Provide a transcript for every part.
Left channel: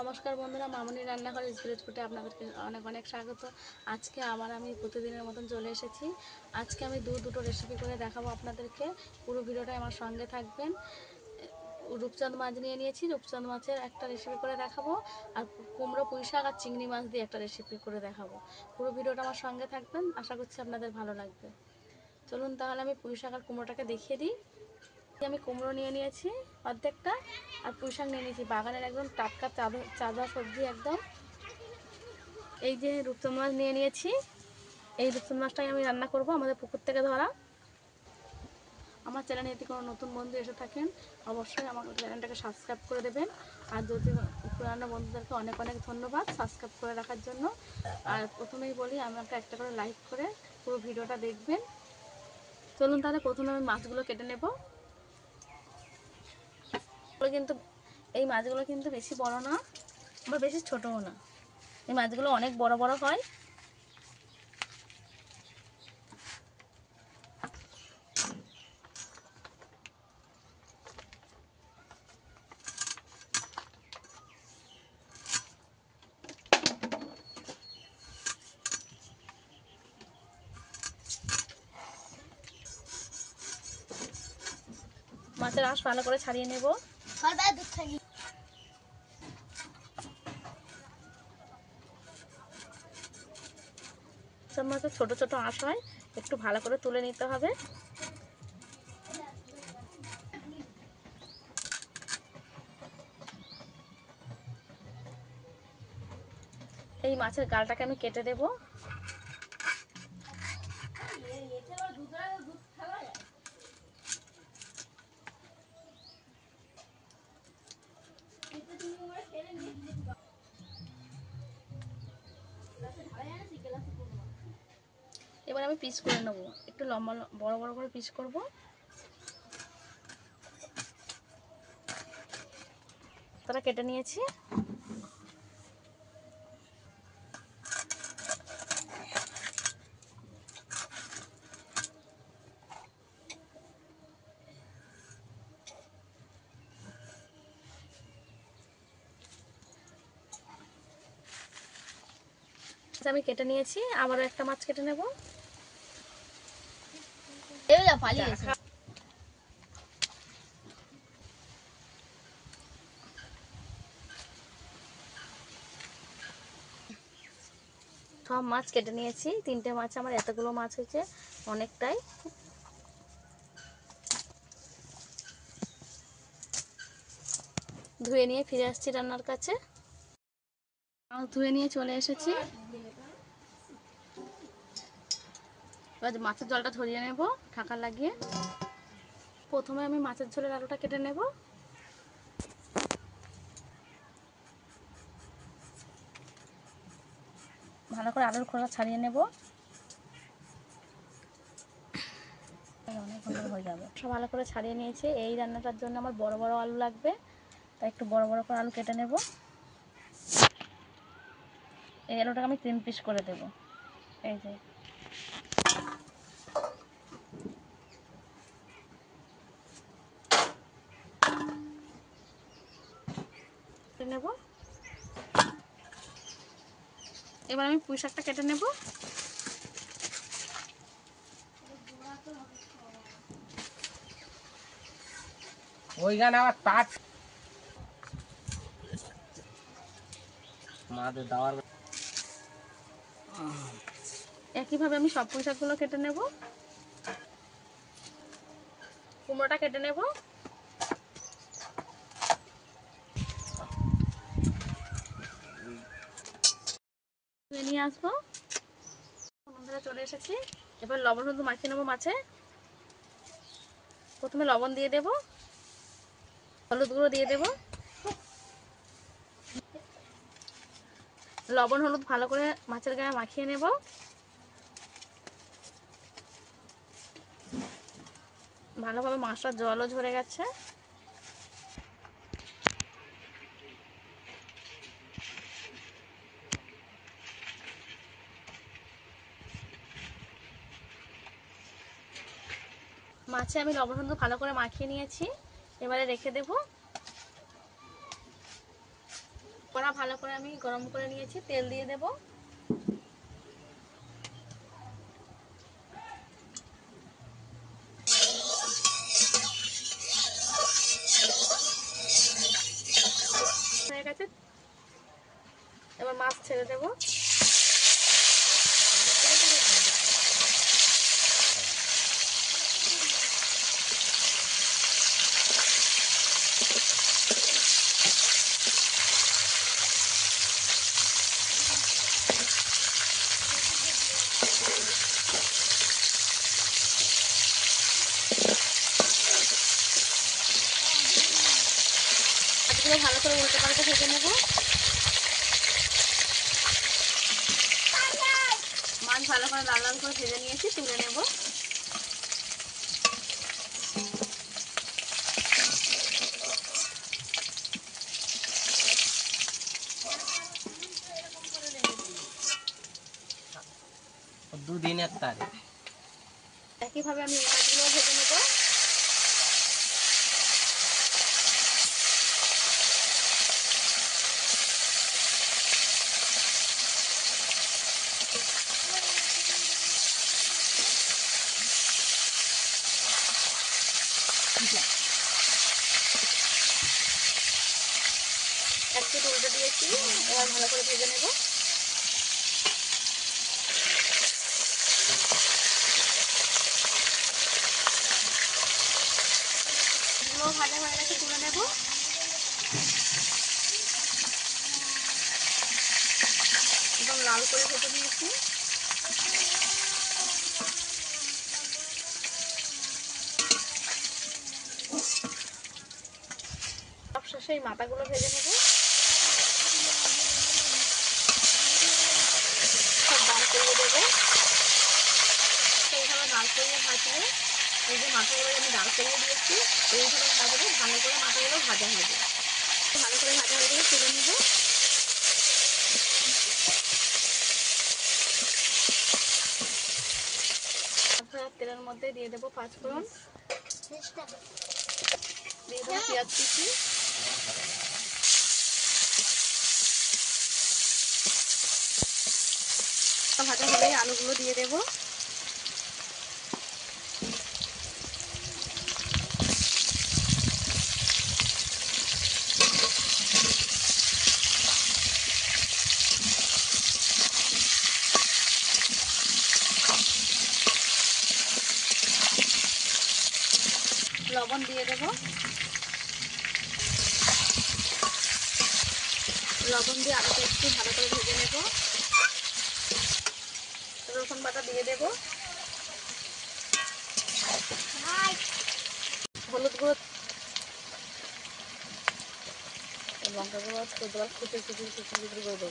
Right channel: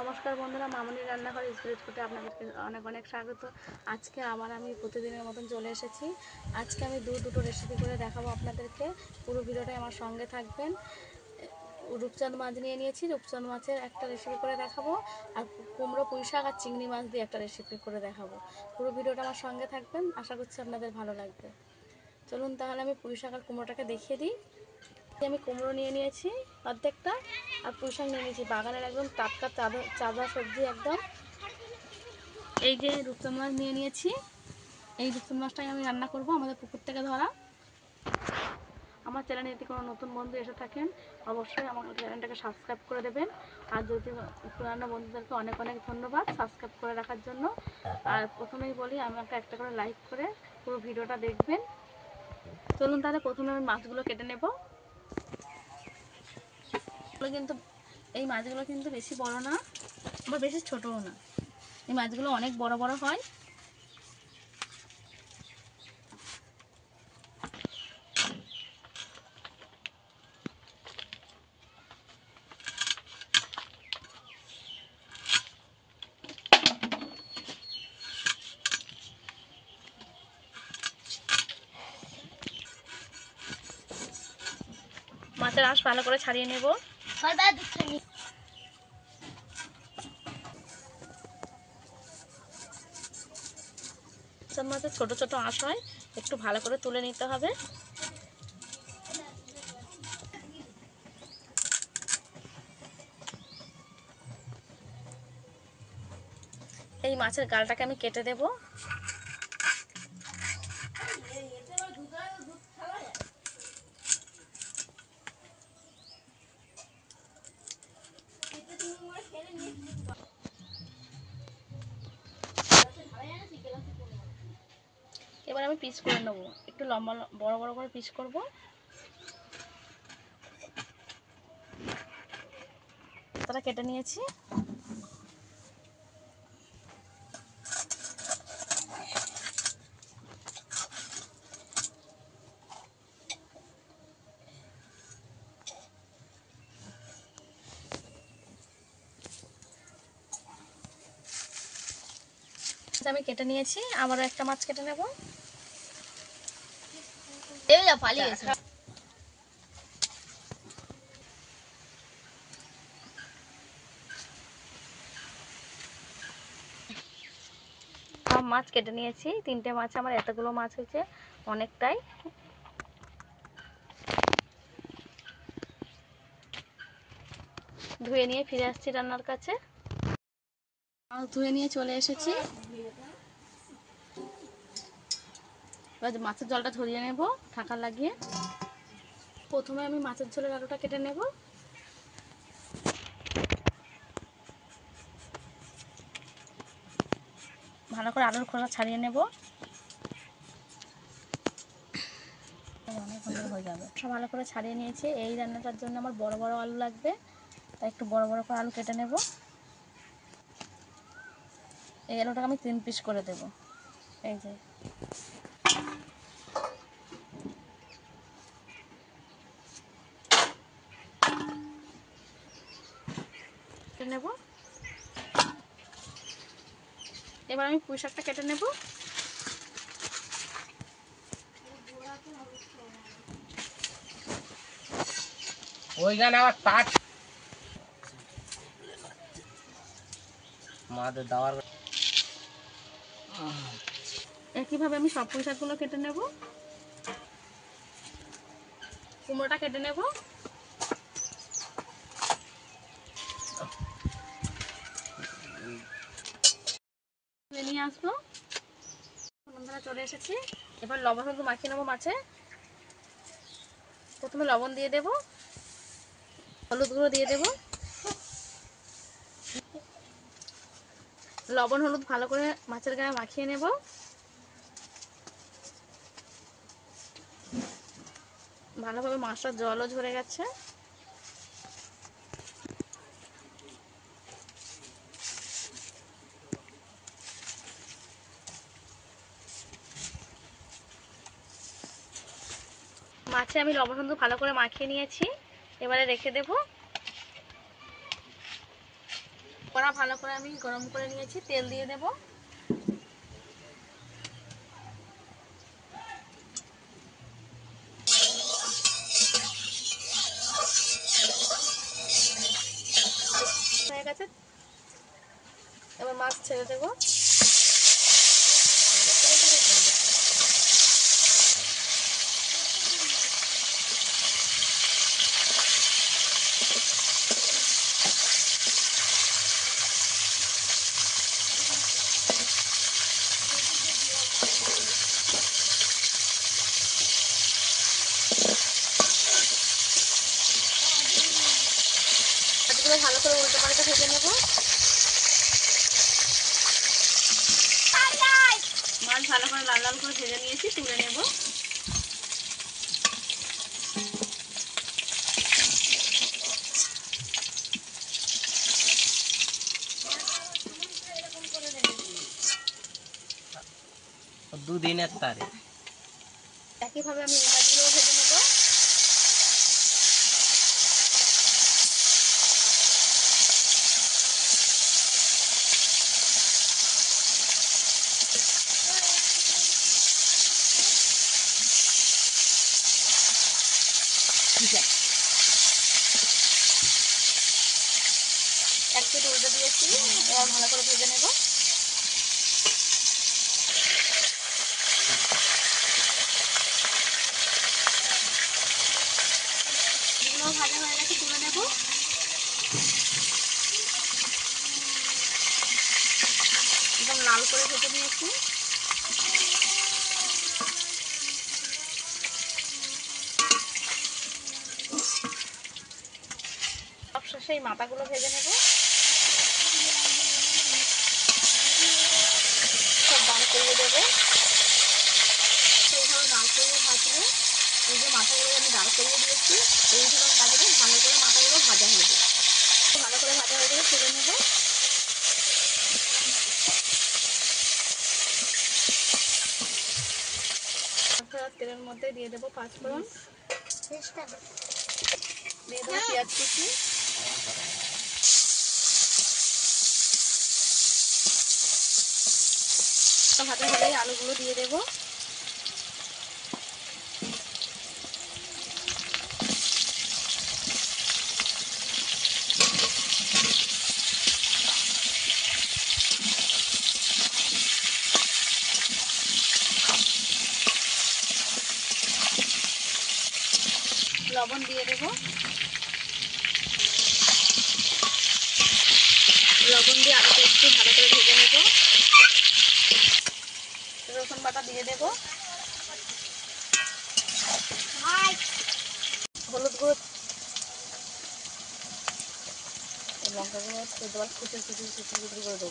নমস্কার বন্ধুরা, মামনির রান্নাঘর স্পিরিট ফুডে আপনাদেরকে অনেক অনেক স্বাগত। আজকে আবার আমি প্রতিদিনের মতন চলে এসেছি। আজকে আমি দুটো রেসিপি করে দেখাবো আপনাদেরকে। পুরো ভিডিওটাই আমার সঙ্গে থাকবেন। রূপচাঁদ মাছ নিয়ে নিয়েছি, রূপচাঁদ মাছের একটা রেসিপি করে দেখাবো, আর কুমড়ো পুঁই শাক আর চিংড়ি মাছ দিয়ে একটা রেসিপি করে দেখাবো। পুরো ভিডিওটা আমার সঙ্গে থাকবেন, আশা করছি আপনাদের ভালো লাগবে। চলুন তাহলে আমি পুঁই শাক আর কুমড়োটাকে দেখিয়ে দিই। আমি কুমড়ো নিয়ে নিয়েছি অর্ধেকটা, আর পুঁই শাক নিয়ে নিয়েছি বাগানের একদম টাটকা তাজা সবজি একদম। এই যে রূপচাঁদ মাছ নিয়ে নিয়েছি, এই রূপচাঁদ মাছটাই আমি রান্না করব, আমাদের পুকুর থেকে ধরা। আমার চ্যানেলে যদি কোনো নতুন বন্ধু এসে থাকেন, অবশ্যই আমার চ্যানেলটাকে সাবস্ক্রাইব করে দেবেন। আর যদি পুরানো বন্ধুদেরকে অনেক অনেক ধন্যবাদ সাবস্ক্রাইব করে রাখার জন্য। আর প্রথমেই বলি, আমাকে একটা করে লাইক করে পুরো ভিডিওটা দেখবেন। চলুন তাহলে প্রথমে আমি মাছগুলো কেটে নেব। কিন্তু এই মাছগুলো কিন্তু বেশি বড় না, আবার বেশি ছোটও না, এই মাছগুলো অনেক বড় বড় হয়। মাছের আঁশ ভালো করে ছাড়িয়ে নেব। মাছের ছোট ছোট আঁশ হয়, একটু ভালো করে তুলে নিতে হবে। এই মাছের গালটাকে আমি কেটে দেব। এবার আমি পিস করে নেব, একটু লম্বা বড় বড় করে পিস করব। তারা কেটে নিয়েছি। আমি কেটে নিয়েছি, আবারও একটা মাছ কেটে নেব। সব মাছ কেটে নিয়েছি, 3টে মাছ, আমার এতগুলো মাছ হয়েছে, অনেকটাই। ধুয়ে নিয়ে ফিরে আসছি রান্নার কাছে। মাছ ধুয়ে নিয়ে চলে এসেছি। এবার মাছের জলটা ঝরিয়ে নেব ঢাকা লাগিয়ে। প্রথমে আমি মাছের ঝোলের আলুটা কেটে নেব। ভালো করে আলুর খোসা ছাড়িয়ে নেব। অনেক সুন্দর হয়ে যাবে। সব ভালো করে ছাড়িয়ে নিয়েছি। এই রান্নাটার জন্য আমার বড় বড় আলু লাগবে, তাই একটু বড় বড় করে আলু কেটে নেব। এই আলুটাকে আমি 3 পিস করে দেব। এই যে নেব। এবার আমি পুঁই শাকটা কেটে নেব। ওইখানে আবার তাট মাদের দাওয়ার। একইভাবে আমি সব পুঁই শাকগুলো কেটে নেব। কুমড়োটা কেটে নেব। নিয়ে আসবো। বন্ধুরা চলে এসেছি। এবার লবণ হলুদ মাখিয়ে নেবো মাছে। প্রথমে লবণ দিয়ে দেব, হলুদ গুঁড়ো দিয়ে দেব। লবণ হলুদ ভালো করে মাছের গায়ে মাখিয়ে নেব। ভালোভাবে মাছটার জলও ঝরে গেছে। মাছে আমি লবণ হলুদ ভালো করে মাখিয়ে নিয়েছি, এবারে রেখে দেব। কড়া ভালো করে আমি গরম করে নিয়েছি, তেল দিয়ে দেব। হয়ে গেছে, এবার মাছ ছেড়ে দেব। মাছগুলো ভালো করে উল্টে পাল্টে ভেজে নেব। মাছ ভালো করে লাল লাল করে ভেজে নিয়েছি, তুলে নেব। দুদিনের তারিখ একইভাবে আমি এই মাছগুলো ভেজে নেব। এক পিঠ উল্টে দিয়েছি, এবার ভালো করে ভেজে নেব। এগুলো ভাজা হয়ে গেছে, তুলে নেব। একদম লাল করে ভেজে নিয়েছি। সবশেষে এই মাথাগুলো ভেজে নেব। সব ডাল করিয়ে দেবো। সেইভাবে ডাল করিয়ে ভাজলে, এই যে মাথাগুলো আমি ডাল করিয়ে দিয়েছি, এইভাবে ভাজলে ভালো করে মাথাগুলো ভাজা হবে। ভালো করে ভাজা হয়ে গেলে তুলে নেব। তেলের মধ্যে দিয়ে দেবো পাঁচফোড়ন, দিয়ে দেবো পেঁয়াজ কুচি, ভাজা হলে আলুগুলো দিয়ে দেবো। লবণ দিয়ে দেবো। লবণ দিয়ে আলুটা একটু ভালো করে ভেজে নেব। রসুন বাটা দিয়ে দেবো। হলুদ গুঁড়ো, লঙ্কা গুঁড়ো কুচি করে দেবো।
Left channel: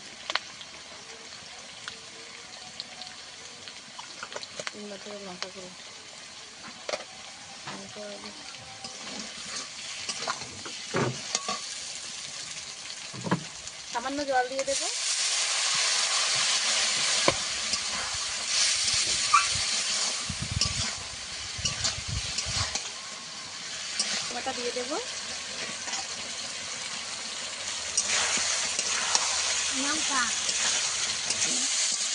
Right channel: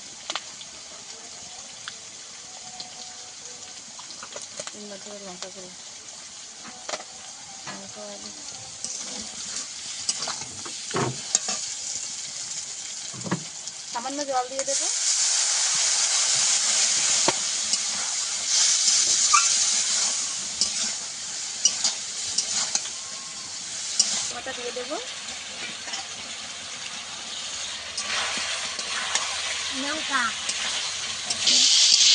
লঙ্কা গুঁড়ো, সামান্য জল দিয়ে দেবো। টমেটো দিয়ে দেবো। লঙ্কা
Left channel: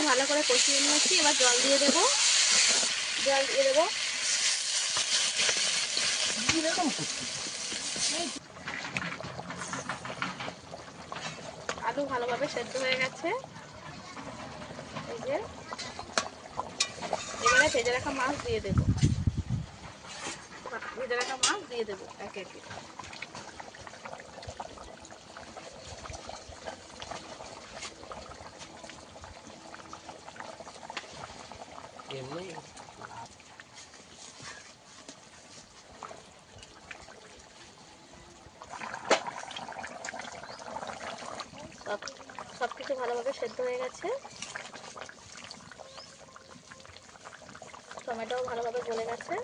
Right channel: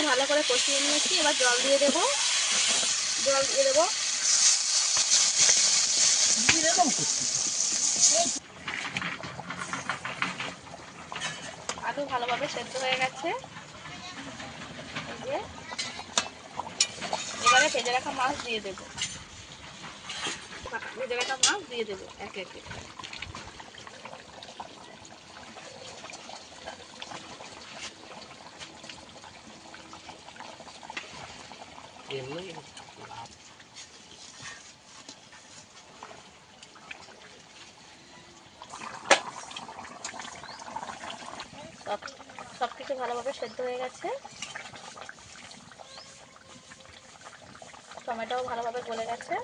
ভালো করে কষিয়ে নিয়েছি, এবার জল দিয়ে দেবো। জল দিয়ে দেবো। আলু ভালোভাবে সেদ্ধ হয়ে গেছে। এই যে এবারে ভেজে রাখা মাছ দিয়ে দেবো। ভেজে রাখা মাছ দিয়ে দেবো একে একে। সবকিছু ভালোভাবে সেদ্ধ হয়ে গেছে। টমেটোও ভালোভাবে গলে গেছে।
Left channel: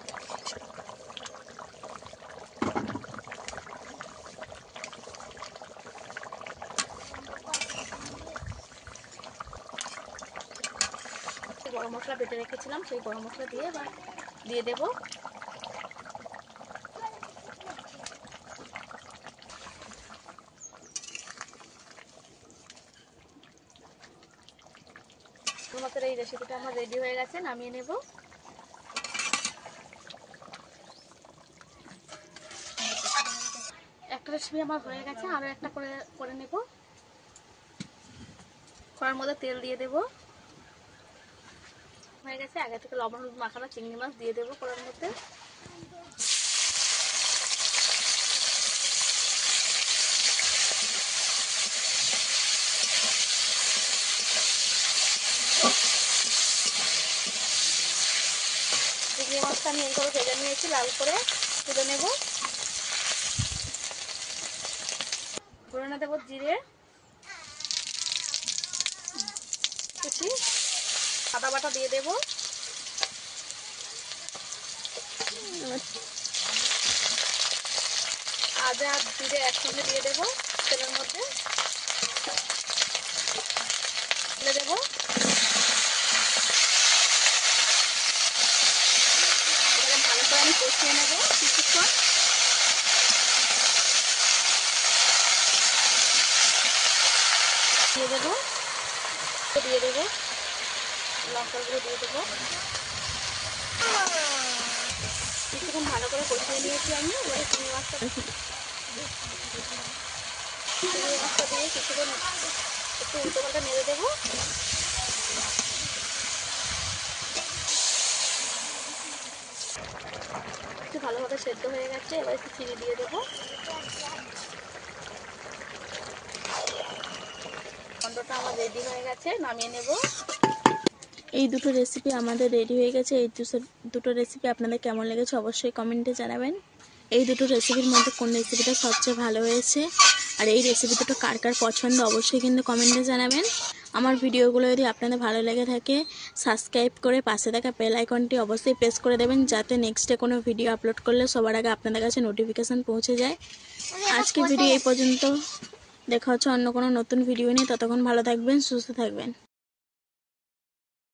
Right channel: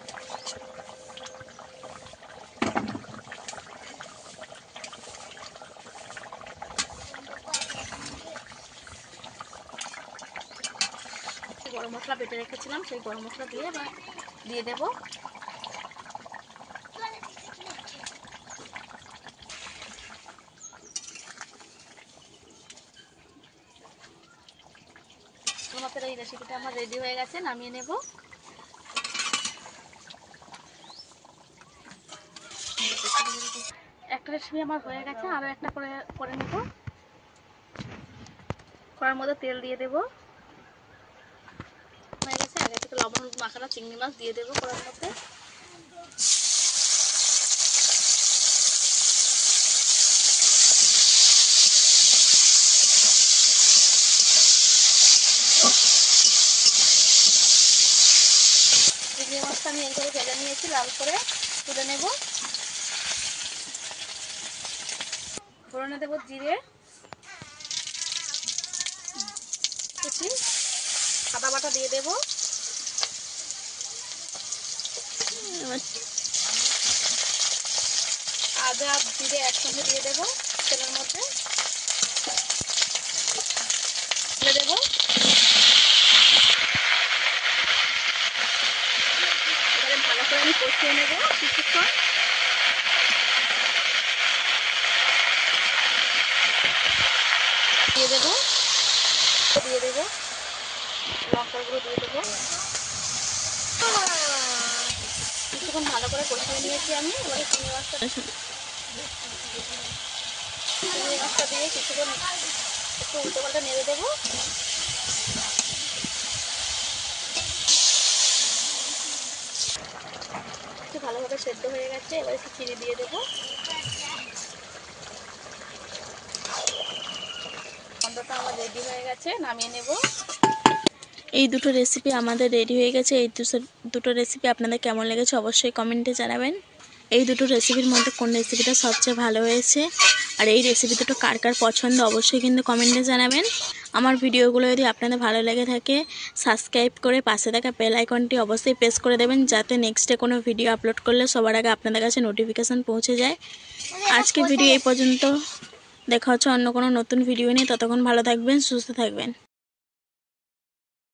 গরম মশলা বেটে রেখেছিলাম, সেই গরম মশলা দিয়ে এবার দিয়ে দেবো। মাছের এই রেসিপিটা আমার রেডি হয়ে গেছে, নামিয়ে নেব। একটা রেসিপি আমার হয়ে গেছে, আরও একটা করে নেব। কড়ার মধ্যে তেল দিয়ে দেব। হয়ে গেছে, আগে থেকে লবণ হলুদ মাখানো চিংড়ি মাছ দিয়ে দেবো কড়ার মধ্যে। চিংড়ি মাছটা আমি এইভাবে ভেজে নিয়েছি, লাল করে তুলে নেব। ফোড়নে দেবো জিরে কুচি, আদা বাটা দিয়ে দেবো, আদা আর জিরে একসঙ্গে দিয়ে দেবো তেলের মধ্যে, তুলে দেবো। এবারে ভালো করে আমি কষিয়ে নেবো কিছুক্ষণ। দিয়ে দেবো লঙ্কার গুঁড়ো দিয়ে দেবো। কিছুক্ষণ ভালো করে কষিয়ে নিয়েছি আমি। এবারে চিংড়ি মাছটা দিয়ে কিছুক্ষণ একটু উল্টো পাল্টা নেড়ে দেবো। একটু ভালোভাবে সেদ্ধ হয়ে গেছে, এবার একটু চিনি দিয়ে দেবো। ঘন্টটা আমার রেডি হয়ে গেছে, নামিয়ে নেব। এই দুটো রেসিপি আমাদের রেডি হয়ে গেছে। এই দুটো রেসিপি আপনাদের কেমন লেগেছে অবশ্যই কমেন্টে জানাবেন। এই দুটো রেসিপির মধ্যে কোন রেসিপিটা সবচেয়ে ভালো হয়েছে আর এই রেসিপি দুটো কার কার পছন্দ অবশ্যই কিন্তু কমেন্টে জানাবেন। আমার ভিডিওগুলো যদি আপনাদের ভালো লেগে থাকে সাবস্ক্রাইব করে পাশে থাকা বেল আইকনটি অবশ্যই প্রেস করে দেবেন, যাতে নেক্সটে কোনো ভিডিও আপলোড করলে সবার আগে আপনাদের কাছে নোটিফিকেশান পৌঁছে যায়। আজকের ভিডিও এই পর্যন্ত, দেখা হচ্ছে অন্য কোনো নতুন ভিডিও নিয়ে। ততক্ষণ ভালো থাকবেন, সুস্থ থাকবেন।